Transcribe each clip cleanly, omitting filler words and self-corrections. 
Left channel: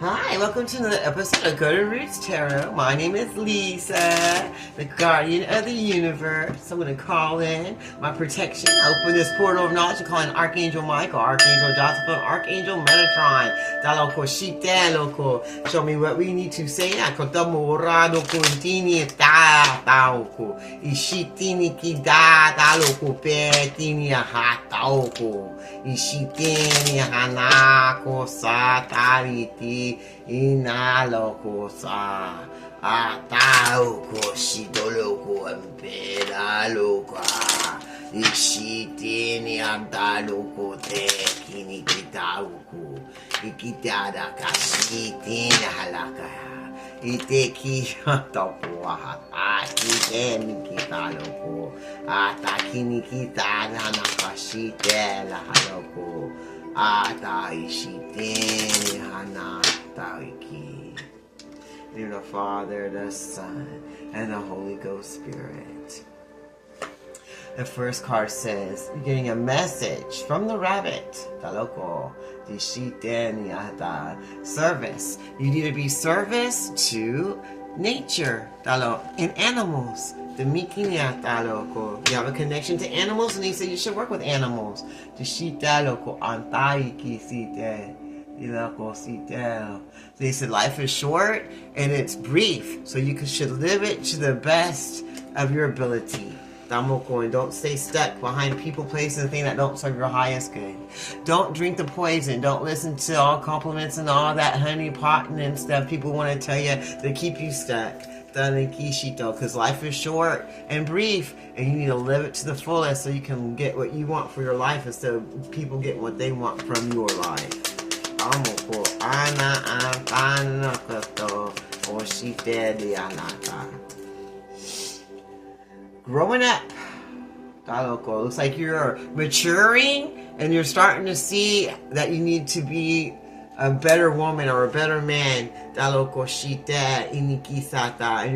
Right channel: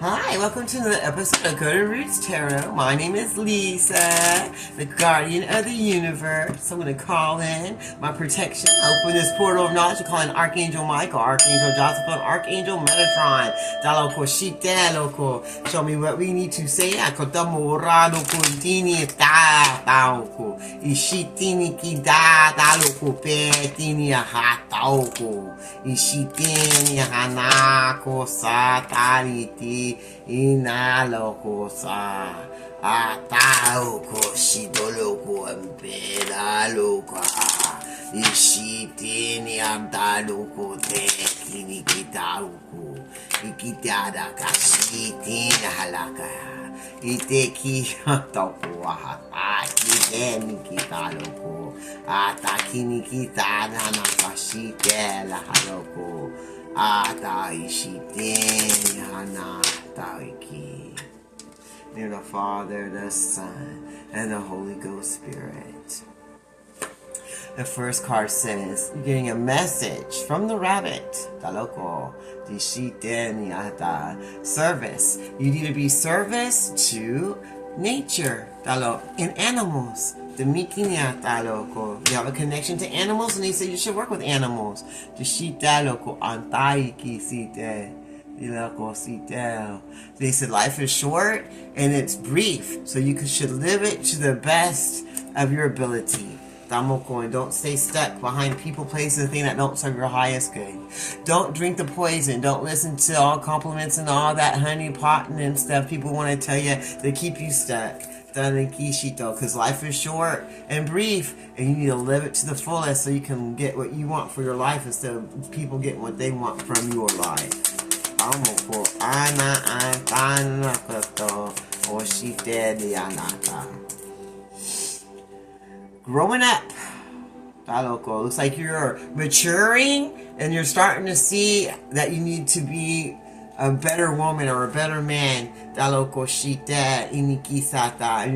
Hi, welcome to another episode of Golden Roots Tarot. My name is Lisa, the guardian of the universe. I'm going to call in my protection. Open this portal of knowledge. I call in Archangel Michael, Archangel Josephine, Archangel Metatron. Daloko Shite Loko. Show me what we need to say. Akotamurado Kuntini Taoko. Ishitini Kida Daloko Petini Hataoko. Ishitini Hanako Satariti. Inaloko sa ataoko shidoloko empera loka ishitini andaloko te kini kitauku ikitada kashitini halaka iteki topo akiteni kitaloko atakini kitada nakashite la haloko ata ishitini hana. In the Father, the Son, and the Holy Ghost Spirit. The first card says, you're getting a message from the rabbit. Service. You need to be service to nature. And animals. You have a connection to animals, and they say you should work with animals. They said life is short and it's brief, so you should live it to the best of your ability. Don't stay stuck behind people, places, and things that don't serve your highest good. Don't drink the poison. Don't listen to all compliments and all that honey potting and stuff people want to tell you to keep you stuck. Because life is short and brief, and you need to live it to the fullest so you can get what you want for your life instead of people getting what they want from your life. Growing up, looks like you're maturing and you're starting to see that you need to be a better woman or a better man. And you're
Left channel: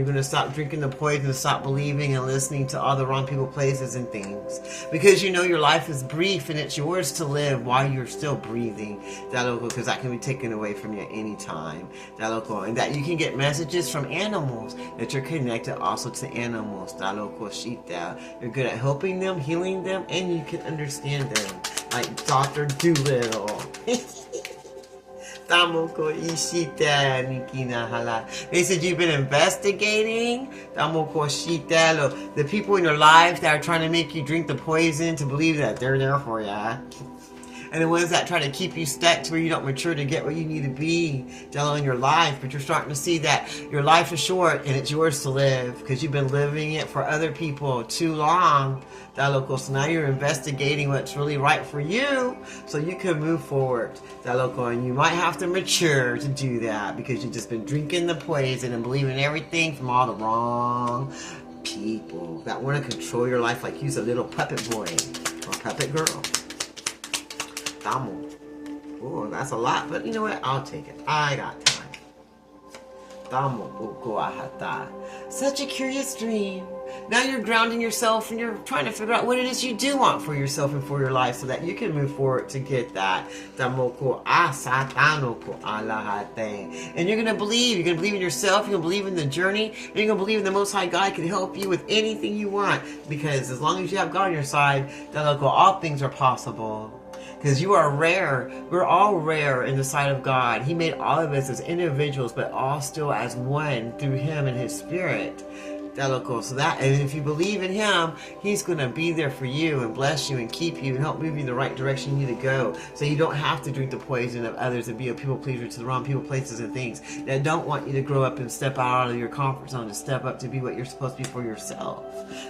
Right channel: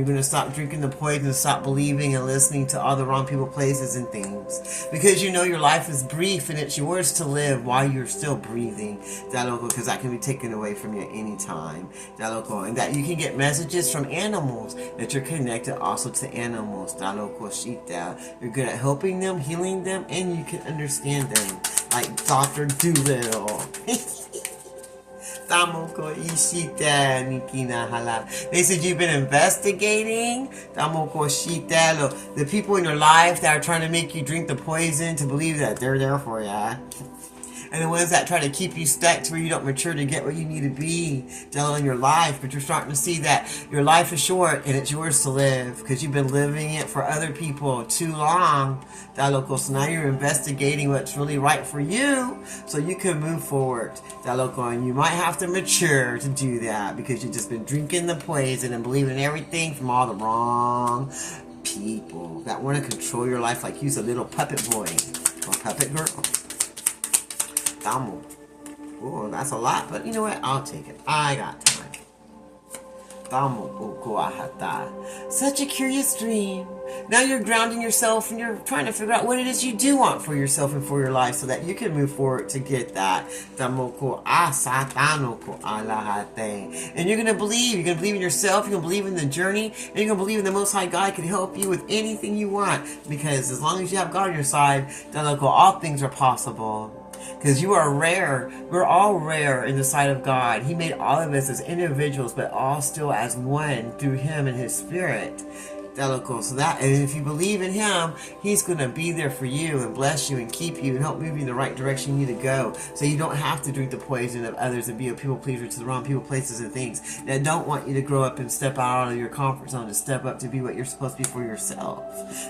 going to stop drinking the poison and stop believing and listening to all the wrong people, places, and things. Because you know your life is brief and it's yours to live while you're still breathing. Because that can be taken away from you at any time. And that you can get messages from animals, that you're connected also to animals. You're good at helping them, healing them, and you can understand them. Like Dr. Doolittle. They said you've been investigating the people in your life that are trying to make you drink the poison to believe that they're there for you. And the ones that try to keep you stuck to where you don't mature to get where you need to be in your life. But you're starting to see that your life is short and it's yours to live because you've been living it for other people too long. So now you're investigating what's really right for you so you can move forward. And you might have to mature to do that because you've just been drinking the poison and believing everything from all the wrong people that want to control your life like you're a little puppet boy or puppet girl. Oh, that's a lot, but you know what? I'll take it. I got time. Such a curious dream. Now you're grounding yourself and you're trying to figure out what it is you do want for yourself and for your life so that you can move forward to get that. And you're going to believe. You're going to believe in yourself. You're going to believe in the journey. And you're going to believe in the Most High God can help you with anything you want. Because as long as you have God on your side, all things are possible. Because you are rare. We're all rare in the sight of God. He made all of us as individuals, but all still as one through Him and His Spirit. So that, and if you believe in Him, He's going to be there for you and bless you and keep you and help move you in the right direction you need to go. So you don't have to drink the poison of others and be a people pleaser to the wrong people, places, and things that don't want you to grow up and step out of your comfort zone to step up to be what you're supposed to be for yourself.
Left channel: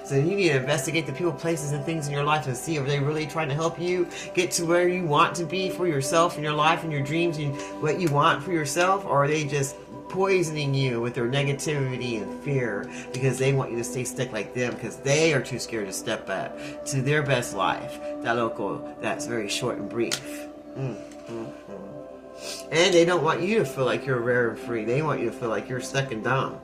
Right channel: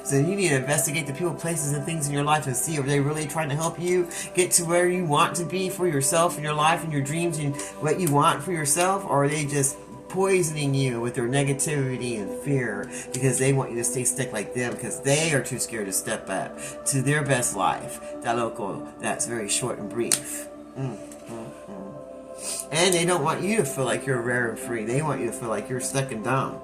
So you need to investigate the people, places, and things in your life and see if they're really trying to help you get to where you want to be for yourself in your life and your dreams and what you want for yourself, or are they just poisoning you with their negativity and fear because they want you to stay stuck like them because they are too scared to step up to their best life. That's very short and brief. And they don't want you to feel like you're rare and free. They want you to feel like you're stuck and dumb.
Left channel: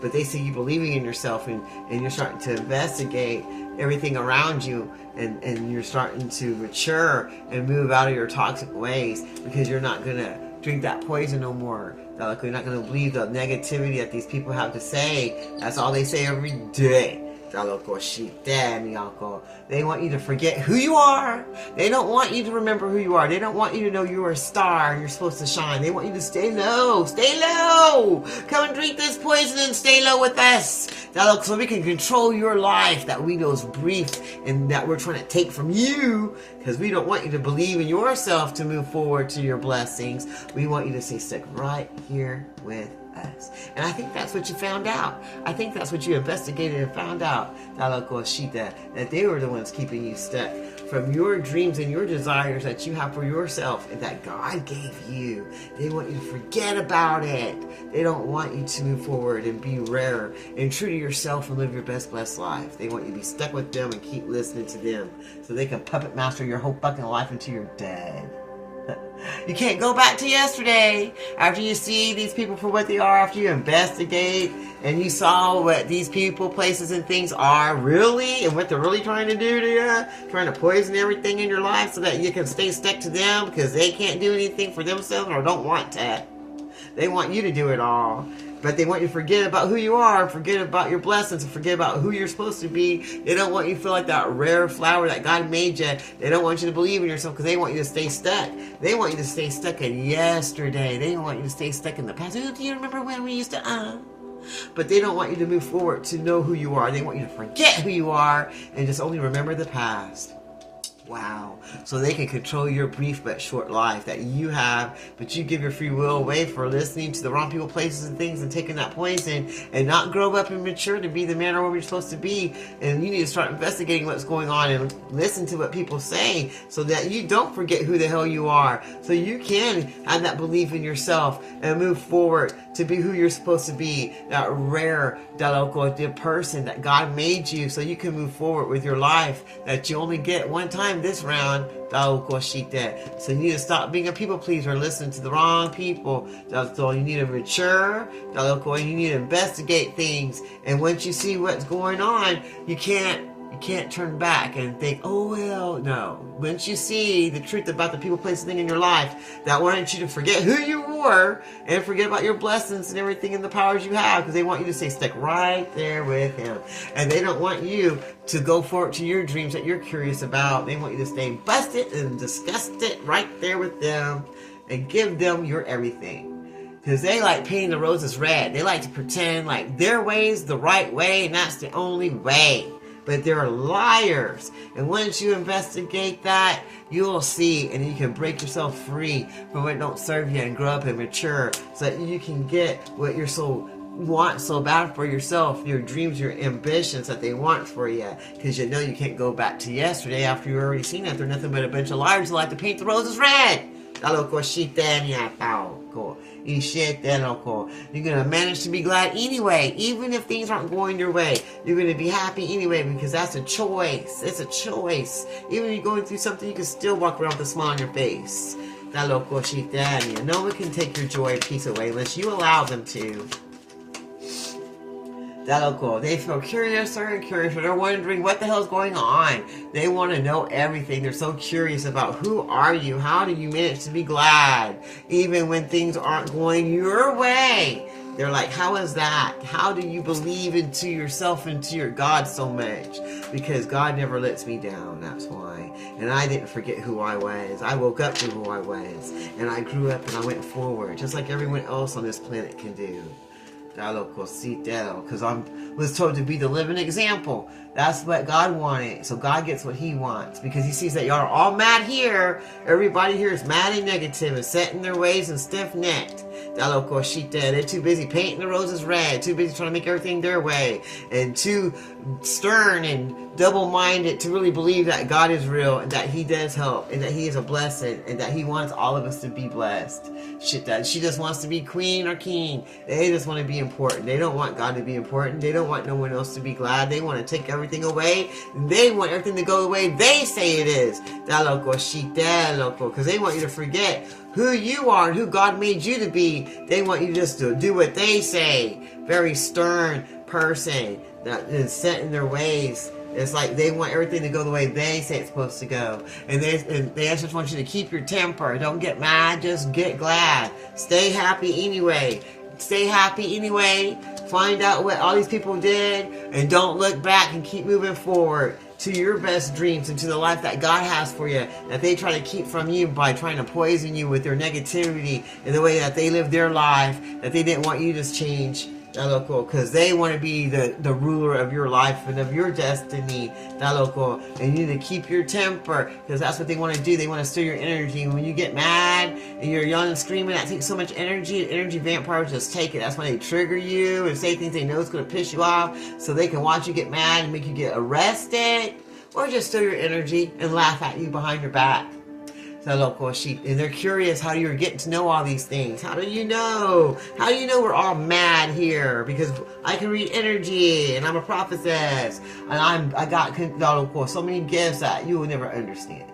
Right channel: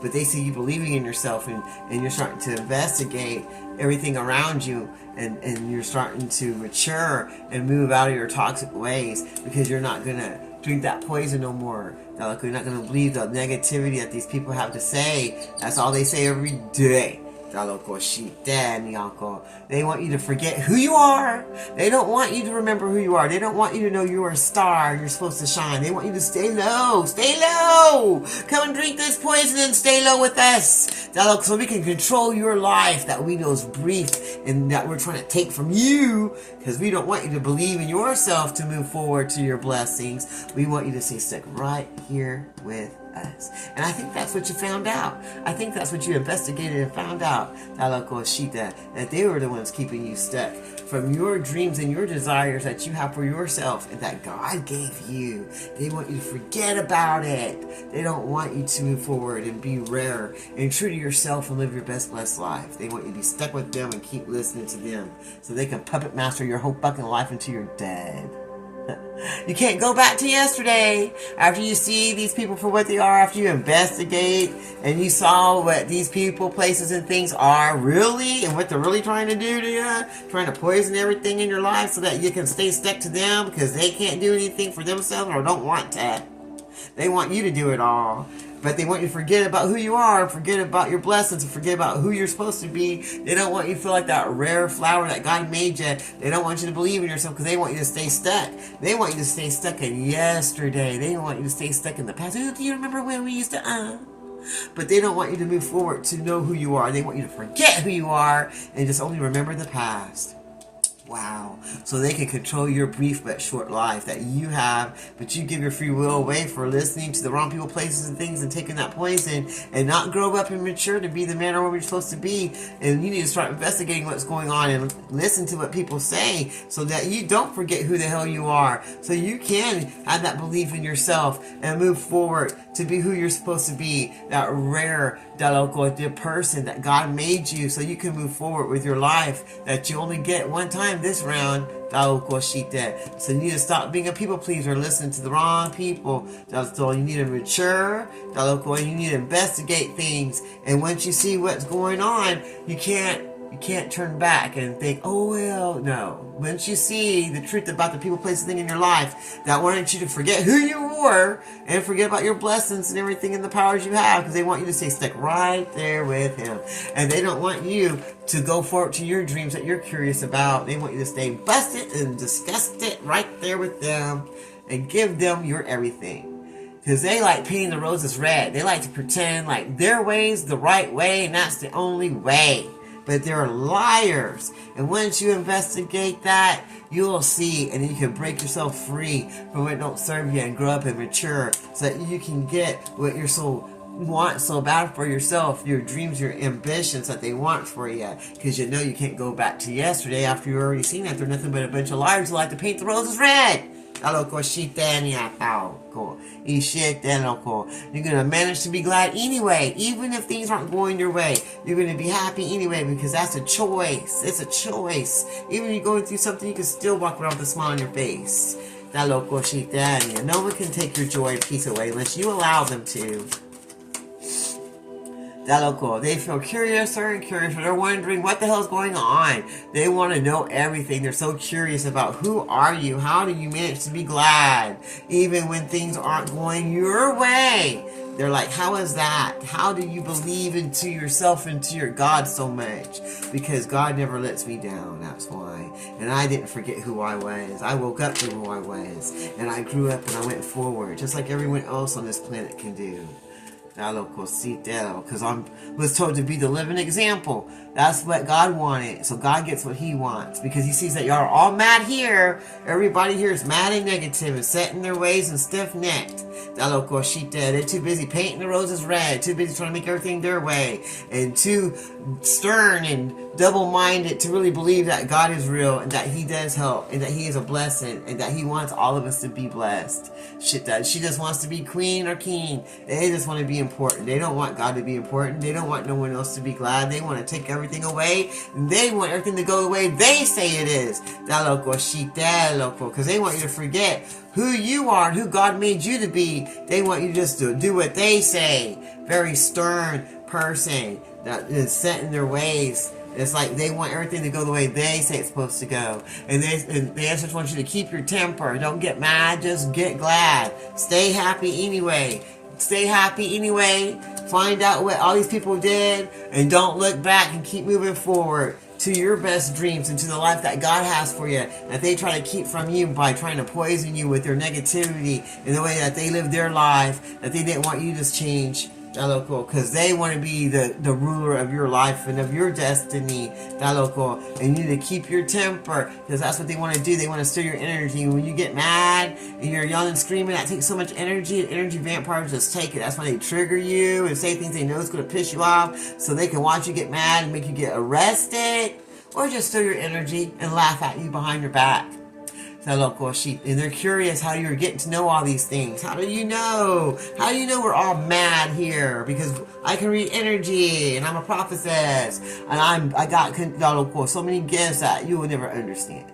But they see you believing in yourself and you're starting to investigate everything around you and you're starting to mature and move out of your toxic ways because you're not going to drink that poison no more. You're not going to believe the negativity that these people have to say. That's all they say every day. They want you to forget who you are. They don't want you to remember who you are. They don't want you to know you're a star. You're supposed to shine. They want you to stay low. Stay low. Come and drink this poison and stay low with us. So we can control your life that we know is brief and that we're trying to take from you, because we don't want you to believe in yourself to move forward to your blessings. We want you to stay stuck right here with us. And I think that's what you found out. I think that's what you investigated and found out, that they were the ones keeping you stuck from your dreams and your desires that you have for yourself and that God gave you. They want you to forget about it. They don't want you to move forward and be rare and true to yourself and live your best blessed life. They want you to be stuck with them and keep listening to them so they can puppet master your whole fucking life until you're dead. You can't go back to yesterday after you see these people for what they are, after you investigate and you saw what these people, places, and things are really and what they're really trying to do to you, trying to poison everything in your life so that you can stay stuck to them because they can't do anything for themselves or don't want to. They want you to do it all. But they want you to forget about who you are, forget about your blessings, and forget about who you're supposed to be. They don't want you to feel like that rare flower that God made you. They don't want you to believe in yourself because they want you to stay stuck. They want you to stay stuck in yesterday. They want you to stay stuck in the past. Do you remember when we used to, But they don't want you to move forward to know who you are. They want you to forget who you are and just only remember the past. Wow. So they can control your brief but short life that you have, but you give your free will away for listening to the wrong people, places, and things and taking that poison and not grow up and mature to be the man or woman you're supposed to be. And you need to start investigating what's going on and listen to what people say so that you don't forget who the hell you are. So you can have that belief in yourself and move forward to be who you're supposed to be, that rare, person that God made you so you can move forward with your life that you only get one time this round. So you need to stop being a people pleaser and listen to the wrong people. So you need to mature, and you need to investigate things. And once you see what's going on, you can't turn back and think, oh, well, no. Once you see the truth about the people, places, thing in your life that wanted you to forget who you were and forget about your blessings and everything and the powers you have, because they want you to stay stuck right there with Him. And they don't want you to go forward to your dreams that you're curious about. They want you to stay busted and disgusted right there with them and give them your everything. Because they like painting the roses red. They like to pretend like their way's the right way and that's the only way. But they're liars. And once you investigate that, you'll see, and you can break yourself free from what don't serve you and grow up and mature so that you can get what you're want so bad for yourself, your dreams, your ambitions that they want for you. Because you know you can't go back to yesterday after you've already seen that. They're nothing but a bunch of liars who like to paint the roses red. You're going to manage to be glad anyway, even if things aren't going your way. You're going to be happy anyway because that's a choice. It's a choice. Even if you're going through something, you can still walk around with a smile on your face. No one can take your joy and peace away unless you allow them to. They feel curious, they're wondering what the hell's going on. They want to know everything. They're so curious about who are you? How do you manage to be glad? Even when things aren't going your way. They're like, how is that? How do you believe into yourself and to your God so much? Because God never lets me down, that's why. And I didn't forget who I was. I woke up to who I was. And I grew up and I went forward, just like everyone else on this planet can do. Because I was told to be the living example. That's what God wanted. So God gets what He wants. Because He sees that y'all are all mad here. Everybody here is mad and negative and set in their ways and stiff-necked. They're too busy painting the roses red. Too busy trying to make everything their way. And too stern and double-minded to really believe that God is real and that He does help and that He is a blessing and that He wants all of us to be blessed. She just wants to be queen or king. They just want to be important. They don't want God to be important. They don't want no one else to be glad. They want to take everything away. They want everything to go the way they say it is. Because they want you to forget who you are and who God made you to be. They want you just to do what they say. Very stern person that is set in their ways It's like they want everything to go the way they say it's supposed to go. And they just want you to keep your temper. Don't get mad, just get glad. Stay happy anyway. Stay happy anyway. Find out what all these people did and don't look back and keep moving forward to your best dreams and to the life that God has for you, that they try to keep from you by trying to poison you with their negativity and the way that they live their life, that they didn't want you to change. That local, because they want to be the ruler of your life and of your destiny. That local, and you need to keep your temper, because that's what they want to do. They want to stir your energy. When you get mad and you're yelling and screaming, that takes so much energy. And energy vampires just take it. That's why they trigger you and say things they know is going to piss you off, so they can watch you get mad and make you get arrested, or just stir your energy and laugh at you behind your back. Local sheep, and they're curious how you're getting to know all these things. How do you know? How do you know we're all mad here? Because I can read energy, and I'm a prophetess, and I got so many gifts that you will never understand.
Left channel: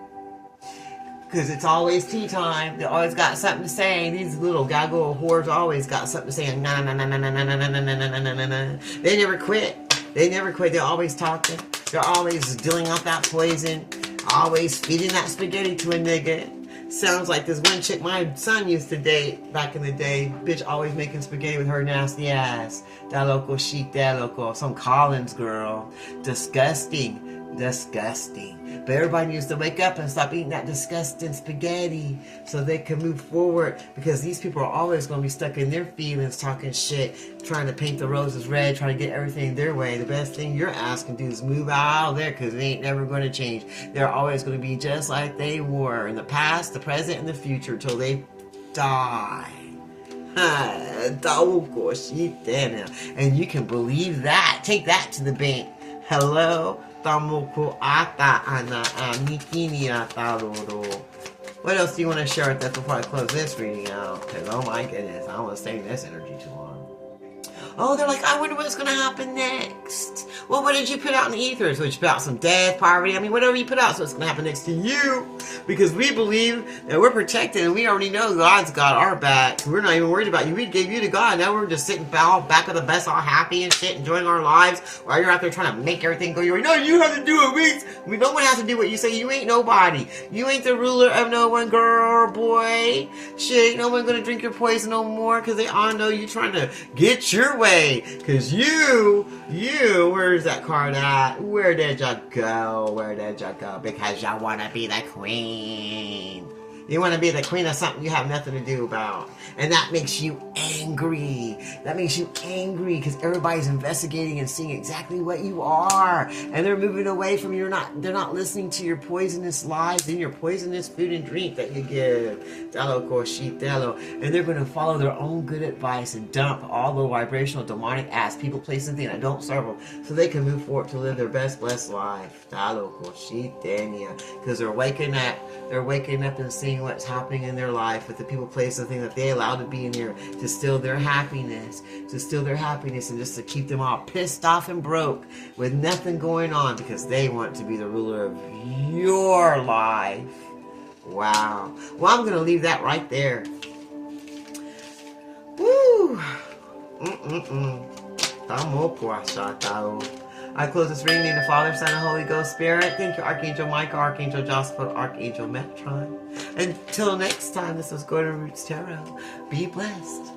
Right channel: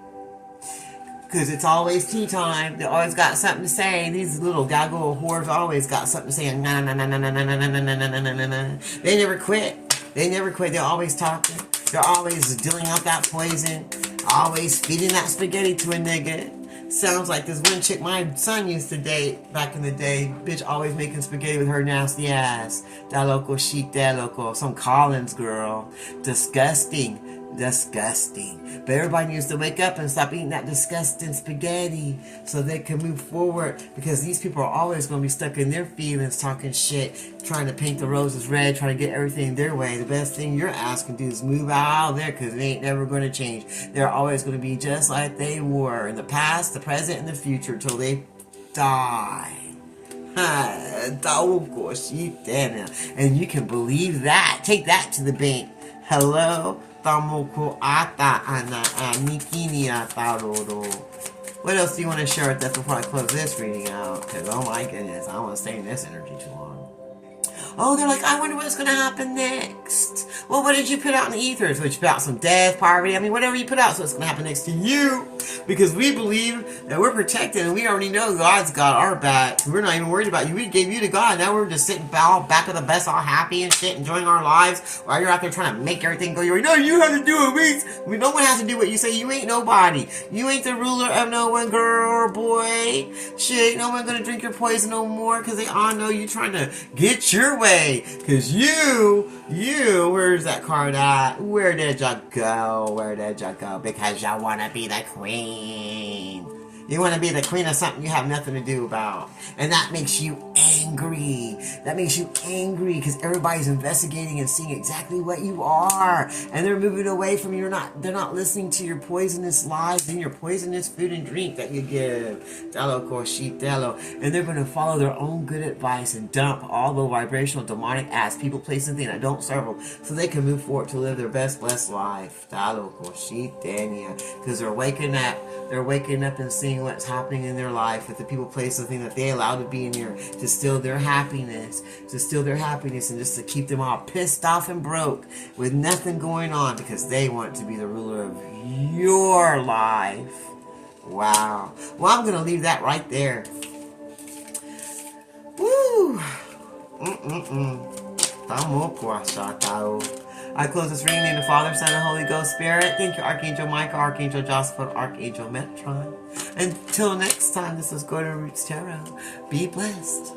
Because it's always tea time. They always got something to say. These little gaggle whores always got something to say. Nah, nah, nah, nah, nah, nah, nah, nah, nah, nah, nah, nah, nah. They never quit. They never quit. They're always talking. They're always dealing out that poison. Always feeding that spaghetti to a nigga. Sounds like this one chick my son used to date back in the day. Bitch always making spaghetti with her nasty ass. That local sheep, that local. Some Collins girl. Disgusting. Disgusting. But everybody needs to wake up and stop eating that disgusting spaghetti so they can move forward, because these people are always going to be stuck in their feelings, talking shit, trying to paint the roses red, trying to get everything their way. The best thing your ass can do is move out of there, because they ain't never going to change. They're always going to be just like they were in the past, the present, and the future till they die. And you can believe that. Take that to the bank. Hello? What else do you want to share with us before I close this reading out? Because, oh my goodness, I don't want to stay in this energy too long. Oh, they're like, I wonder what's going to happen next. Well, what did you put out in the ether? So you put out some death, poverty, whatever you put out, so it's going to happen next to you. Because we believe that we're protected, and we already know God's got our back. We're not even worried about you. We gave you to God. Now we're just sitting back of the bus all happy and shit, enjoying our lives, while you're out there trying to make everything go your way. No, you have to do it, no one has to do what you say. You ain't nobody. You ain't the ruler of no one, girl or boy. Shit, no one gonna drink your poison no more, because they all know you trying to get your way. Because you, where's that card at? Where did you go? Because you want to be the queen. You want to be the queen of something you have nothing to do about. And that makes you angry. That makes you angry because everybody's investigating and seeing exactly what you are. And they're moving away from you. They're not listening to your poisonous lies and your poisonous food and drink that you give. And they're going to follow their own good advice and dump all the vibrational, demonic ass people, places, and things that don't serve them, so they can move forward to live their best blessed life. Because they're waking up. They're waking up and seeing what's happening in their life with the people, places, and things that they allow to be in here to steal their happiness, and just to keep them all pissed off and broke with nothing going on, because they want to be the ruler of your life. Wow. Well, I'm going to leave that right there. Woo! I close this reading in the Father, Son, and Holy Ghost Spirit. Thank you, Archangel Michael, Archangel Josphat, Archangel Metron. Until next time, this is Golden Roots Tarot. Be blessed.